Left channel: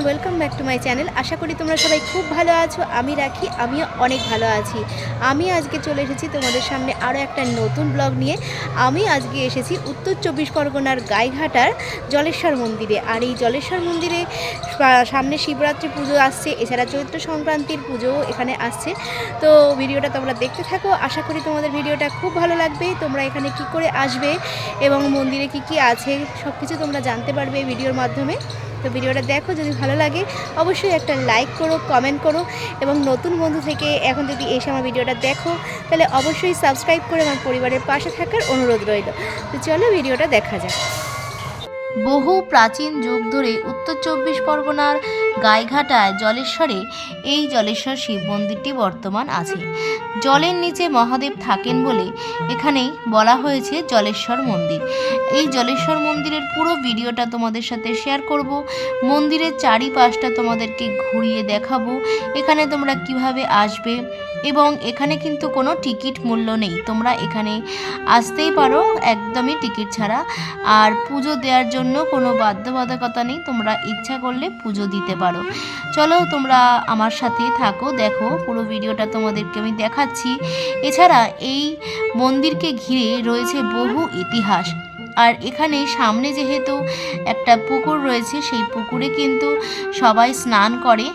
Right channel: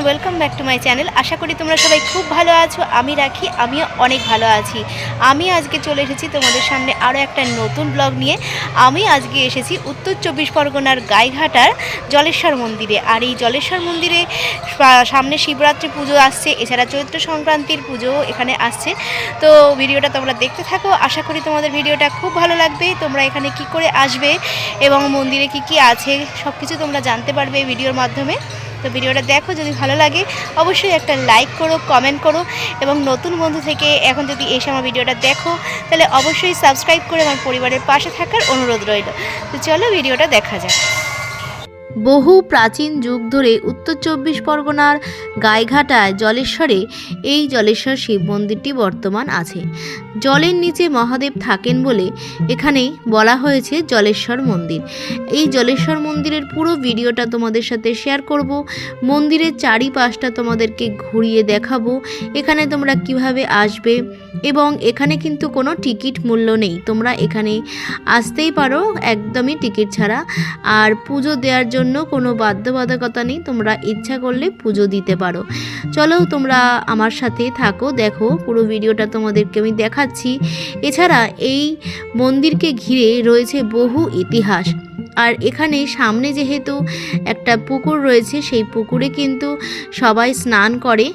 Everyone welcome back to my channel আশা করি তোমরা সবাই খুব ভালো আছো, আমি রাখি, আমিও অনেক ভালো আছি। আমি আজকে চলে এসেছি তোমাদের সামনে আরও একটা নতুন ব্লগ নিয়ে। আমি আজকে এসেছি উত্তর চব্বিশ পরগনার গাইঘাটার জলেশ্বর মন্দিরে। আর এই জলেশ্বর মন্দিরে সামনে শিবরাত্রি পুজো আসছে, এছাড়া চৈত্র সংক্রান্তির পুজো এখানে আসছে। তো ভিডিওটা তোমরা দেখতে থাকো, আশা করি তোমাদের ভিডিওটা খুব ভালো লাগবে। তোমরা এখানে কি করে আসবে এবং মন্দিরে কি কি আছে সব কিছু তোমরা জানতে পারবে ভিডিওর মাধ্যমে। তো ভিডিওটা দেখো, যদি ভালো লাগে, অবশ্যই একটা লাইক করো কমেন্ট করো, এবং নতুন বন্ধু থেকে এখন যদি এসে আমার ভিডিওটা দেখো, তাহলে অবশ্যই সাবস্ক্রাইব করে আমার পরিবারের পাশে থাকার অনুরোধ রইল। তো চলো ভিডিওটা দেখা যাক। বহু প্রাচীন যুগ ধরে উত্তর চব্বিশ পরগনার গাইঘাটায় জলেশ্বরে, এই জলেশ্বর শিব মন্দিরটি বর্তমান আছে। জলের নিচে মহাদেব থাকেন বলে এখানে বলা হয়েছে জলেশ্বর মন্দির। এই জলেশ্বর মন্দিরের পুরো ভিডিওটা তোমাদের সাথে শেয়ার করব। মন্দিরের চারিপাশটা তোমাদেরকে ঘুরিয়ে দেখাবো, এখানে তোমরা কীভাবে আসবে এবং এখানে কিন্তু কোনো টিকিট মূল্য নেই। তোমরা এখানে আসতেই পারো, একদমই টিকিট ছাড়া। আর পুজো দেওয়ার জন্য কোনো বাধ্যবাধকতা নেই। তোমরা ইচ্ছা করলে পুজো দিতে পারো। চলো তোমরা আমার সাথে থাকো, দেখো পুরো ভিডিওটা তোমাদেরকে আমি দেখাচ্ছি। এছাড়া এই মন্দিরকে ঘিরে রয়েছে বহু ইতিহাস। আর এখানে সামনে যেহেতু একটা পুকুর রয়েছে, সেই পুকুরে কিন্তু সবাই স্নান করে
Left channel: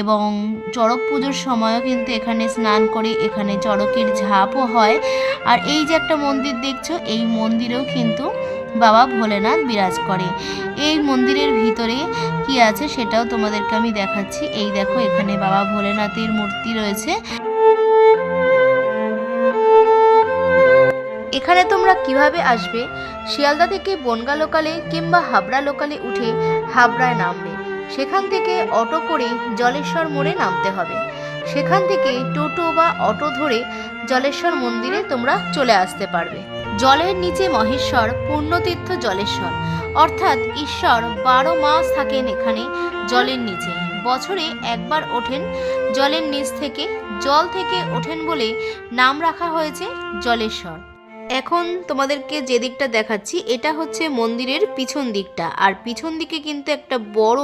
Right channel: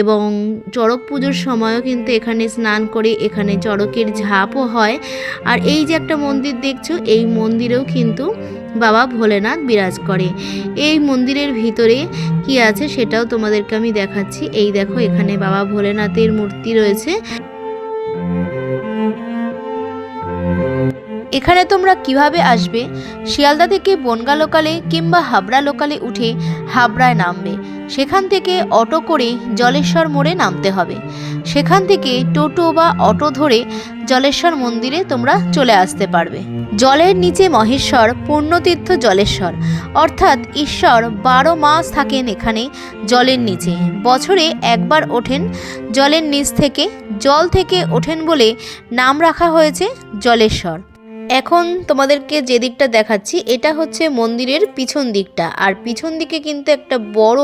এবং চড়ক পুজোর সময়ও কিন্তু এখানে স্নান করে, এখানে চড়কের ঝাঁপও হয়। আর এই যে একটা মন্দির দেখছ, এই মন্দিরেও কিন্তু বাবা ভোলেনাথ বিরাজ করে। এই মন্দিরের ভিতরে কি আছে সেটাও তোমাদেরকে আমি দেখাচ্ছি। এই দেখো, এখানে বাবা ভোলেনাথের মূর্তি রয়েছে। এখানে তোমরা কীভাবে আসবে? শিয়ালদা থেকে বনগা লোকালে কিংবা হাবড়া লোকালে উঠে হাবড়ায় নামবে। সেখান থেকে অটো করে জলেশ্বর মোড়ে নামতে হবে। সেখান থেকে টোটো বা অটো ধরে জলেশ্বর মন্দিরে তোমরা চলে আসতে পারবে। জলের নিচে মহেশ্বর, পূর্ণতীর্থ জলেশ্বর। অর্থাৎ ঈশ্বর বারো মাস থাকেন এখানে জলের নিচে। বছরে একবার ওঠেন জলের নিচ থেকে, জল থেকে ওঠেন বলে নাম রাখা হয়েছে জলেশ্বর। এখন তোমাদেরকে যে দিকটা দেখাচ্ছি, এটা হচ্ছে মন্দিরের পিছন দিকটা। আর পিছন দিকে কিন্তু একটা বড়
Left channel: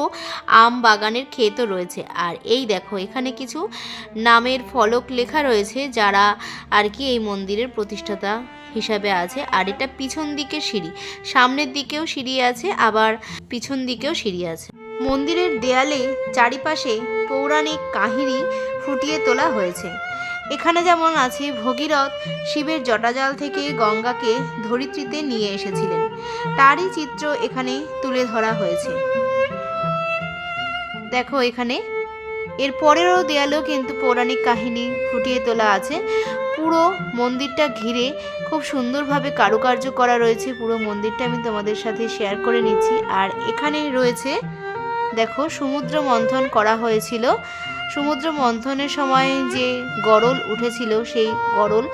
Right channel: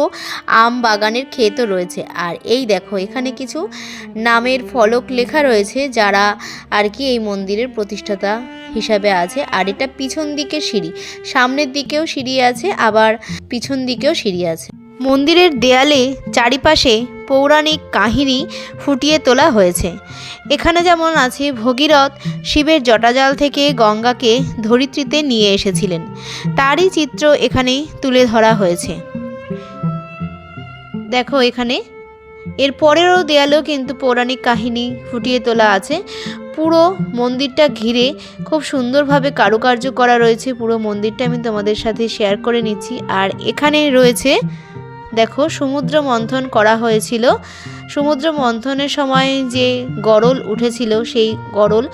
আম বাগানের ক্ষেতও রয়েছে। আর এই দেখো, এখানে কিছু নামের ফলক লেখা রয়েছে, যারা আর কি এই মন্দিরের প্রতিষ্ঠাতা হিসাবে আছে। আর এটা পিছন দিকে সিঁড়ি। সামনের দিকেও সিঁড়ি আছে, আবার পিছন দিকেও সিঁড়ি আছে। মন্দিরের দেয়ালে চারিপাশে পৌরাণিক কাহিনী ফুটিয়ে তোলা হয়েছে। এখানে যেমন আছে, ভগীরথ শিবের জটাজাল থেকে গঙ্গাকে ধরিত্রীতে নিয়ে এসেছিলেন। তারই চিত্র এখানে তুলে ধরা হয়েছে। দেখো এখানে। এর পরেরও দেয়ালেও কিন্তু পৌরাণিক কাহিনী ফুটিয়ে তোলা আছে। পুরো মন্দিরটা ঘিরে খুব সুন্দরভাবে কারুকার্য করা রয়েছে। পুরো মন্দিরটা আমি তোমাদের সাথে শেয়ার করে নিচ্ছি। আর এখানে রয়েছে দেখো, সমুদ্র মন্থন করা হয়েছিল। সমুদ্র মন্থনের সময় যে গরল উঠেছিল, সেই গরল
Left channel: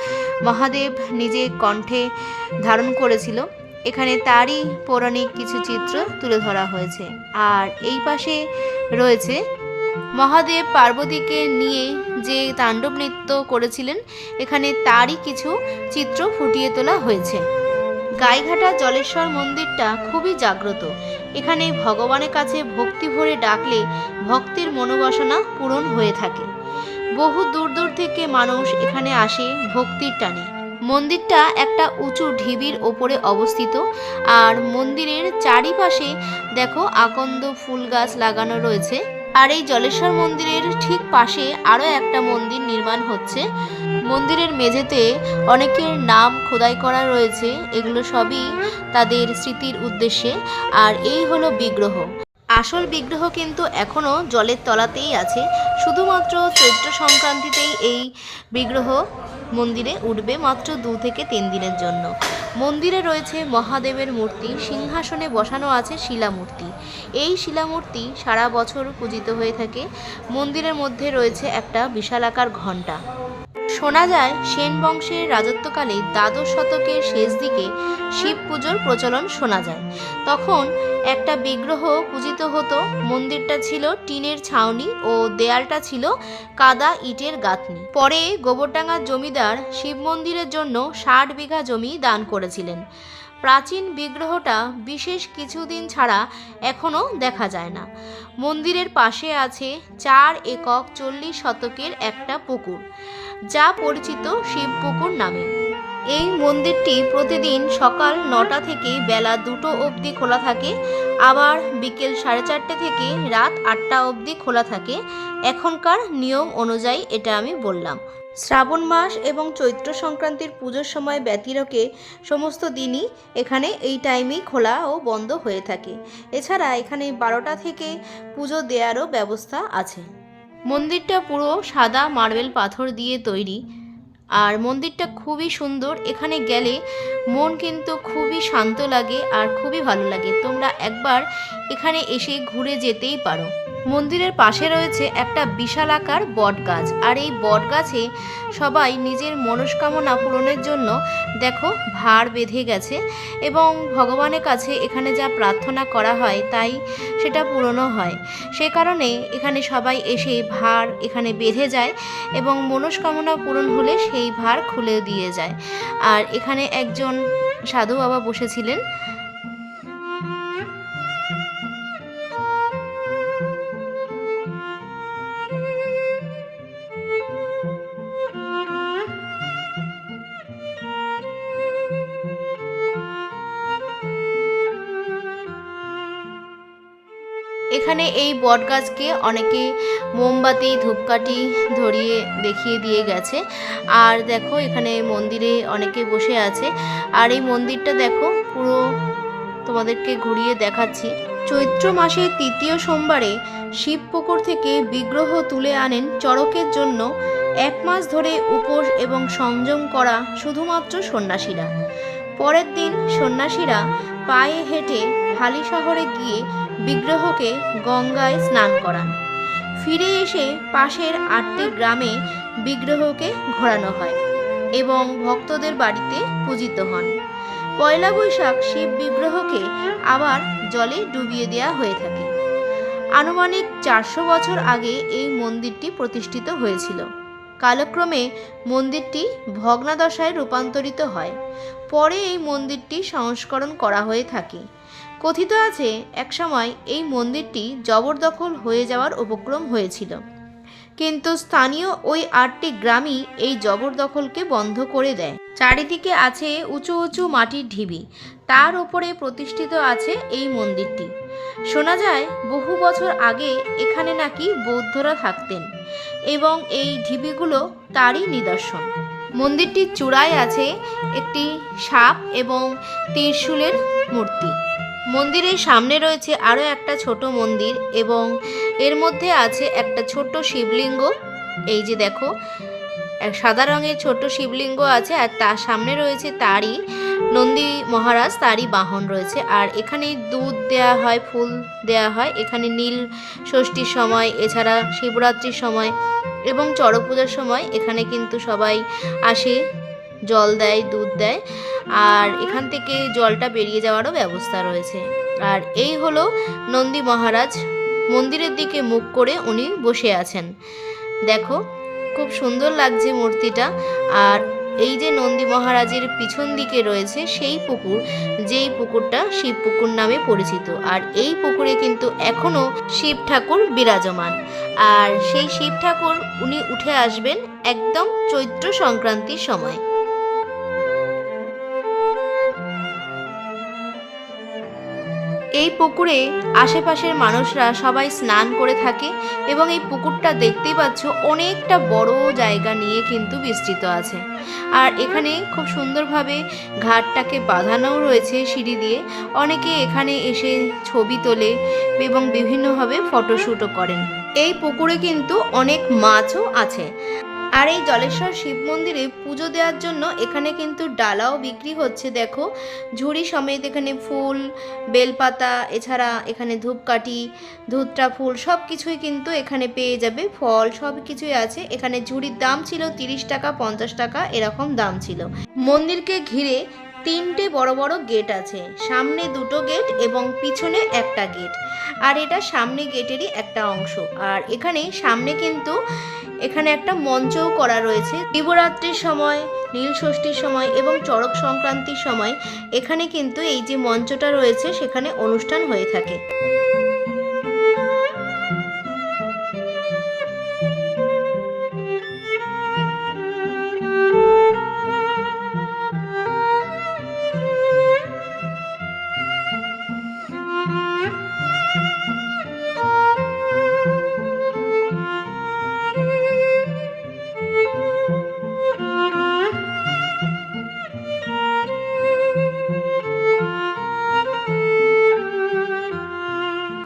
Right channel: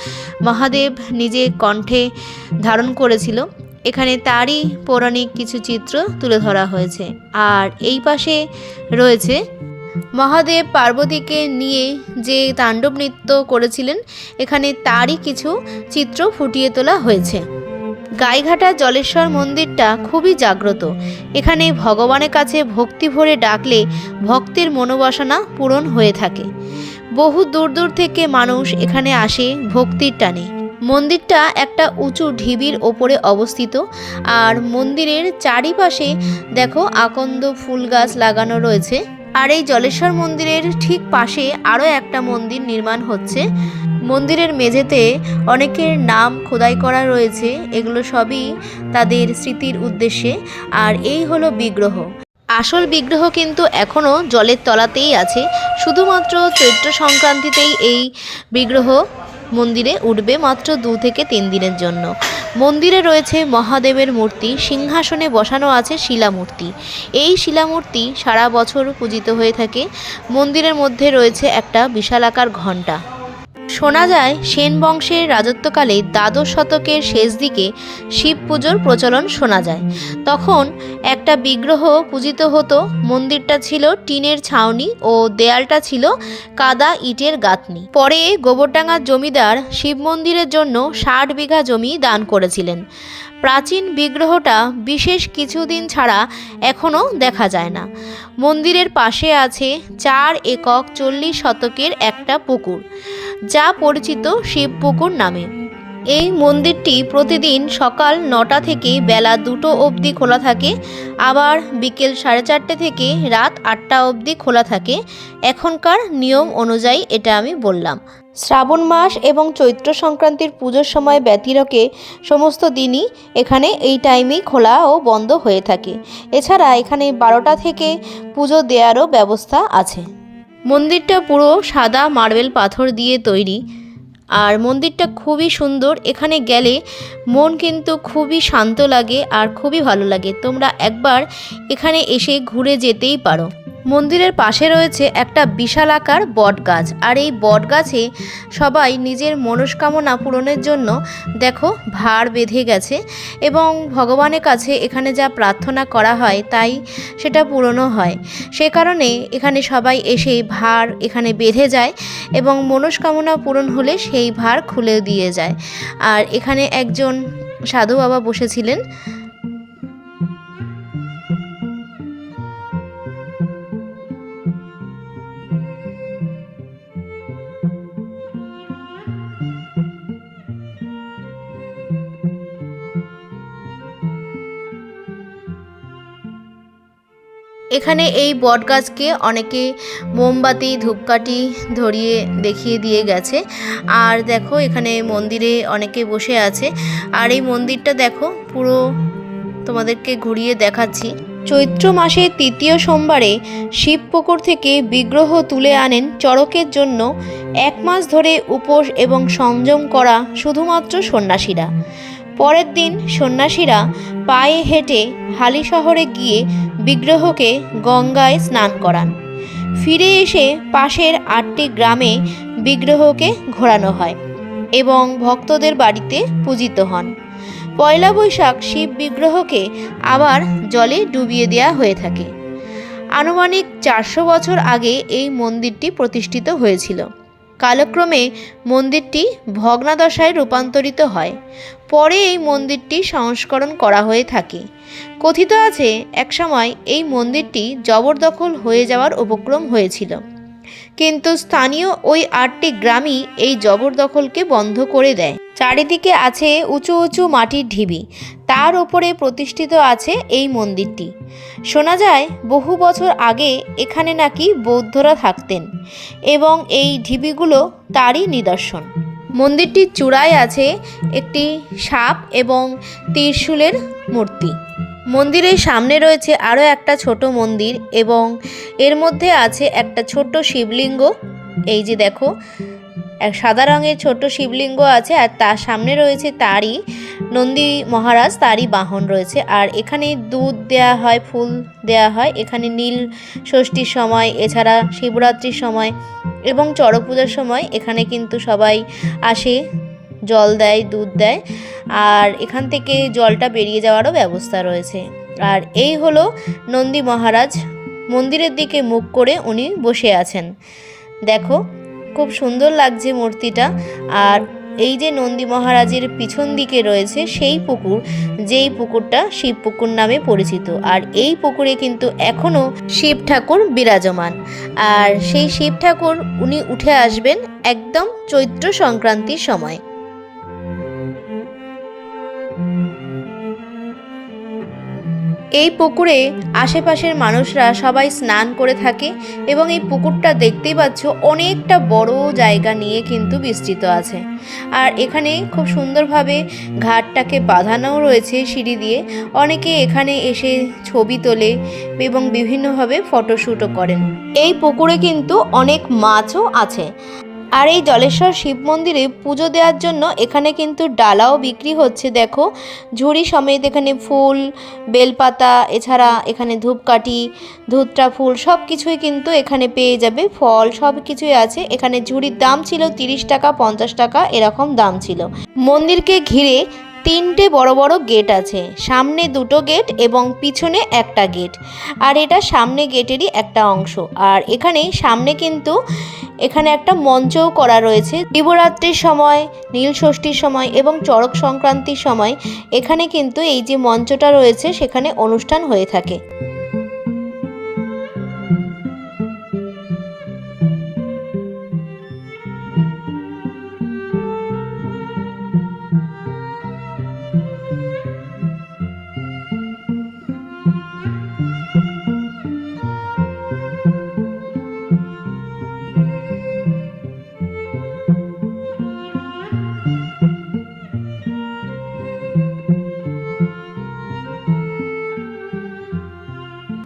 মহাদেব নিজে কণ্ঠে ধারণ করেছিল। এখানে তারই পৌরাণিক কিছু চিত্র তুলে ধরা হয়েছে। আর এই পাশে রয়েছে, মহাদেব পার্বতীকে নিয়ে যে তাণ্ডব নৃত্য করেছিলেন, এখানে তারই কিছু চিত্র ফুটিয়ে তোলা হয়েছে। গাইঘাটা জলেশ্বর মন্দিরটা খুবই জাগ্রত। এখানে ভগবানের কাছে ভক্তি ভরে ডাকলে ভক্তের মনোবাসনা পূরণ হয়ে থাকে। বহু দূর দূর থেকে মানুষ এখানে আসে ভক্তির টানে। মন্দিরটা একটা উঁচু ঢিবির ওপরে অবস্থিত আর মন্দিরের চারিপাশে দেখো আকন্দ ফুল গাছ লাগানো রয়েছে। আর এই জলেশ্বর মন্দিরের ঠিক পাশে আরও একটা মন্দির নির্মাণ হচ্ছে। মন্দিরের মেঝেতে অনেকের নাম খোদাই করা রয়েছে। এগুলো সবই তাদের স্মৃতির উদ্দেশ্যে। আর এই হলো বিগ্রহ। আসল বিগ্রহ কিন্তু এখনও জলের তলাতেই আছে। শুধুমাত্র চৈত্র সংক্রান্তিতেই এই বিগ্রহ মন্দিরে উঠবে মাত্র দু থেকে তিন দিনের জন্য। মন্দিরে রয়েছে মহাদেবের মূর্তি, সিংহাসনে বসানো আছে শিলামূর্তি। এই শিলামূর্তি সারা বছর পূজিত হয়ে থাকে। মন্দিরের মধ্যে রয়েছে একটা বিশালাকার ঘণ্টা। শোনা যায়, সেন বংশের রাজত্বকালে দ্বাদশ শতকের শেষ দিকে শিব পুজোর প্রচলন শোনা যায়। তখন একটা বিগ্রহ পূজিত হতো, মন্দিরটা ছিল টিনের ছাউনি ও দেয়ালটা ছিল কাদা ইটের গাঁথনি। পরে গোবরডাঙ্গার জমিদার শিব মন্দিরের জন্য ষাট বিঘা জমি দান করেছিলেন। প্রাচীন বিগ্রহটা বিশেষ কিছুদিন ছাড়া এখনও দেখা যায় না। মন্দিরের পাশে আছে চার একক চল্লিশ শতকের একটা পুকুর, যা পরিচিত শিব পুকুর নামে। এই মন্দিরটি প্রতিদিন সকাল নটা থেকে বেলা দুটো অবধি খোলা থাকে, আবার বিকেল সাড়ে চারটে থেকে রাত আটটা অবধি খোলা থাকে। এখনকার নিয়ম অনুযায়ী এটা আমি বললাম। শ্রাবণ মাস এবং চৈত্র সংক্রান্তির পুজোর সময় ব্যতিরকে সমস্ত দিনই এখানে এই টাইমেই খোলা ও বন্ধ হয়ে থাকে। এছাড়া এখানে বারোটা থেকে পুজো দেওয়ারও ব্যবস্থা আছে। মন্দিরটা পুরো সাদা মার্বেল পাথর দিয়ে তৈরি। আর মন্দিরটা খুবই সুন্দর। এখানে গেলে মন কিন্তু খুবই শান্ত লাগে আর খুবই ভালো লাগে। তোমরা একবার এখানে এসে ঘুরে যেতেই পারো। মন্দিরের পাশে রয়েছে একটা বিশাল আকার বট গাছ আর এই বট গাছে সবাই নিজের মনস্কামনা পূরণের জন্য, দেখো, ভার বেঁধে গেছে এবং ভগবানের কাছে এখানে যা প্রার্থনা করা হয়, তাই সেটা পূরণও হয়। সে কারণে এখানে সবাই এসে ভার এখানে বেঁধে যায় এবং মনস্কামনা পূরণ হলে সেই ভার খুলে দিয়ে যায়। আর এখানে একজন সাধু বাবা বসেছিলেন। এখানে এই বট গাছকে অনেকে মোমবাতি, ধূপকাঠি ধরিয়ে দেখিয়ে দিয়ে গেছে। আর দেখো, এখানে মন্দিরে অনেকে বসে আছে। আর এই মন্দিরটা দেখো, পুরো তোমাদেরকে ঘুরিয়ে দেখাচ্ছি। চৈত্র মাসের তৃতীয় সোমবারে শিবপুকুর থেকে বিগ্রহ তুলে আনেন চড়কের জন্য এক মাস ধরে উপোস এবং সংযম করা শুধুমাত্র সন্ন্যাসীরা। পরের দিন সন্ন্যাসীরা পায়ে হেঁটে হালি শহরে গিয়ে বিগ্রহকে গঙ্গায় স্নান করান। ফিরে এসে পাশের আটটি গ্রামে বিগ্রহকে ঘোরানো হয় এবং ভক্তদের বাড়িতে পূজিত হন। পয়লা বৈশাখ শিব বিগ্রহকে আবার জলে ডুবিয়ে দেওয়া হয়ে থাকে। আনুমানিক চারশো বছর আগে এই মন্দিরটি প্রতিষ্ঠিত হয়েছিল। কালক্রমে মন্দিরটি ভগ্নাদশায় রূপান্তরিত হয়। পরে এই মন্দিরটি সংস্করণ করা হয়ে থাকে। কথিত আছে, একসময় এই মন্দিরটি জবরদখল হয়ে যাওয়ার উপক্রম হয়েছিল। কিন্তু স্থানীয় ওই আটটি গ্রামই এই জবরদখলকে বন্ধ করে দেয়। চারিদিকে আছে উঁচু উঁচু মাটির ঢিবি। তার ওপরে প্রতিষ্ঠিত আছে এই মন্দিরটি। শোনা যায়, বহু বছর আগে এখানে নাকি বৌদ্ধরা থাকতেন। এবং এই ঢিবিগুলো তারই নিদর্শন। মন্দিরটির চূড়ায় আছে একটি সাপ এবং ত্রিশূলের মূর্তি। মন্দিরের সামনে রয়েছে আরও একটা ছোট মন্দির এবং এর মধ্যে আছে একটা ছোট শিবলিঙ্গ। এই যে দেখো এক সাদা রঙের ছোট্ট শিবলিঙ্গ আছে আর তার সামনে রয়েছে তারই নন্দী মহারাজ, তারই বাহন রয়েছে। আর এখানে দুধ দেয়া হয়, ফুল দেয়া হয়। এখানে নীল ষষ্ঠীর সময়, এছাড়া শিবরাত্রির সময় এবং চড়ক পূজার সময় এখানে কিন্তু সবাই আসে, জল দেয়, দুধ দেয়। আর এখান থেকে জলটা বেরিয়ে যাওয়ারও ব্যবস্থা রয়েছে। আর এই হলো নন্দী মহারাজ মন্দিরের দিকে মুখ করে উনি বসে আছেন। দেখো খুব সুন্দর লাগছে মূর্তিটা। আর এই যে নন্দী মহারাজের পিছন দিকে রয়েছে সেই পুকুর, যেই পুকুরটা শিব পুকুর নামে পরিচিত। আর এই পুকুরে কিন্তু এখনও শিব ঠাকুর বিরাজমান। আর সেই শিব ঠাকুর উনি উঠে আসবেন একদম চৈত্র সংক্রান্তির সময়। এই পুকুরে আশেপাশের মানুষরা সবাই স্নান করে থাকে এবং এই পুকুরটা দেখতেই পাচ্ছ অনেকটা বড় জায়গা নিয়ে কিন্তু বিস্তৃত আছে। আর এখানে খুব সুন্দরভাবে ঘাটটাকে বাঁধানোও রয়েছে সিঁড়ি দিয়ে। অনেকে এখানে এসে ছবি তোলে এবং বিভিন্নভাবে ফটোশ্যুটও করেন। এই পুকুরে কিন্তু অনেক মাছও আছে। আর এই জলেশ্বর শিব মন্দিরে পুজো দেওয়ার জন্য এখানে কিন্তু ডালাও বিক্রি হচ্ছে, দেখো। ঝুড়ি সমেত এখানে ফুল, বেলপাতা, এছাড়া এখানে ধূপকাঠি ধুতরা ফুল সব কিছুই কিন্তু এখানে পেয়ে যাবে। ফল সব কিছুই আছে। এখানে ঝুড়ির দাম ছিল তিরিশ টাকা, পঞ্চাশ টাকা, এরকম দাম ছিল। মন্দিরকে ঘিরে তিনটে বড় বড় গেট আছে। সামনে দুটো গেট এবং পিছনে একটা গেট। আর এটা সামনে গেটেরই একটা অংশ। আর এখানে সামনে কিন্তু এখানে একটা মঞ্চও করা রয়েছে। শিবরাত্রির সময়, নীল ষষ্ঠীর সময় এবং চড়ক সংক্রান্তির সময় এখানে কিন্তু এই যে মঞ্চটা রয়েছে, সেখানে অনুষ্ঠান হয়ে থাকে।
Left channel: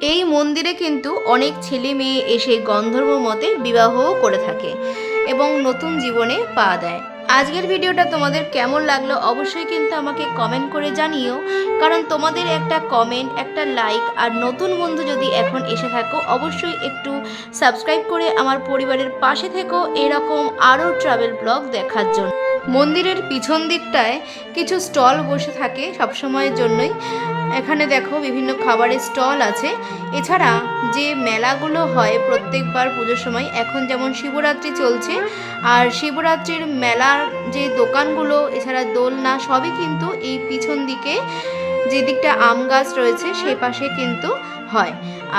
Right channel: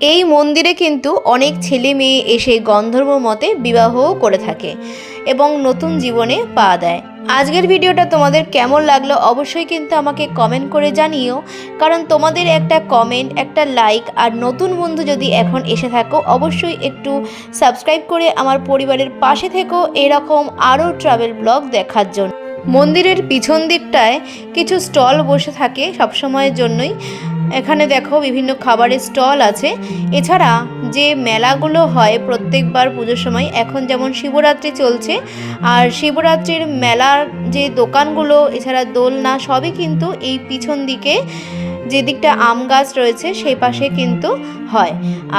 এই মন্দিরে কিন্তু অনেক ছেলে মেয়ে এসে গন্ধর্ব মতে বিবাহও করে থাকে এবং নতুন জীবনে পা দেয় আজকের ভিডিওটা তোমাদের কেমন লাগল অবশ্যই কিন্তু আমাকে কমেন্ট করে জানিও, কারণ তোমাদের একটা কমেন্ট একটা লাইক আর নতুন বন্ধু যদি এখন এসে থাকো, অবশ্যই একটু সাবস্ক্রাইব করে আমার পরিবারের পাশে থেকো এরকম আরও ট্রাভেল ব্লগ দেখার জন্য। মন্দিরের পিছন দিকটায় কিছু স্টল বসে থাকে সবসময়ের জন্যই। এখানে দেখো বিভিন্ন খাবারের স্টল আছে। এছাড়া যে মেলাগুলো হয় প্রত্যেকবার পুজোর সময়, এখন যেমন শিবরাত্রি চলছে, আর শিবরাত্রির মেলার যে দোকানগুলো, এছাড়া দোলনা, সবই কিন্তু এই পিছন দিকে যে দিকটা আম গাছ রয়েছে, সেই পাশে কিন্তু হয়।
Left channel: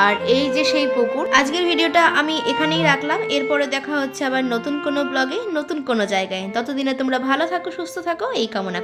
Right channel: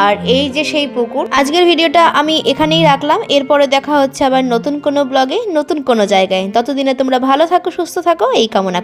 আর এই যে সেই পুকুর, আজকের ভিডিওটা আমি এখানেই রাখলাম। এরপরে দেখা হচ্ছে আবার নতুন কোনো ব্লগে নতুন কোনো জায়গায়। ততদিনে তোমরা ভালো থাকো, সুস্থ থাকো, এই কামনা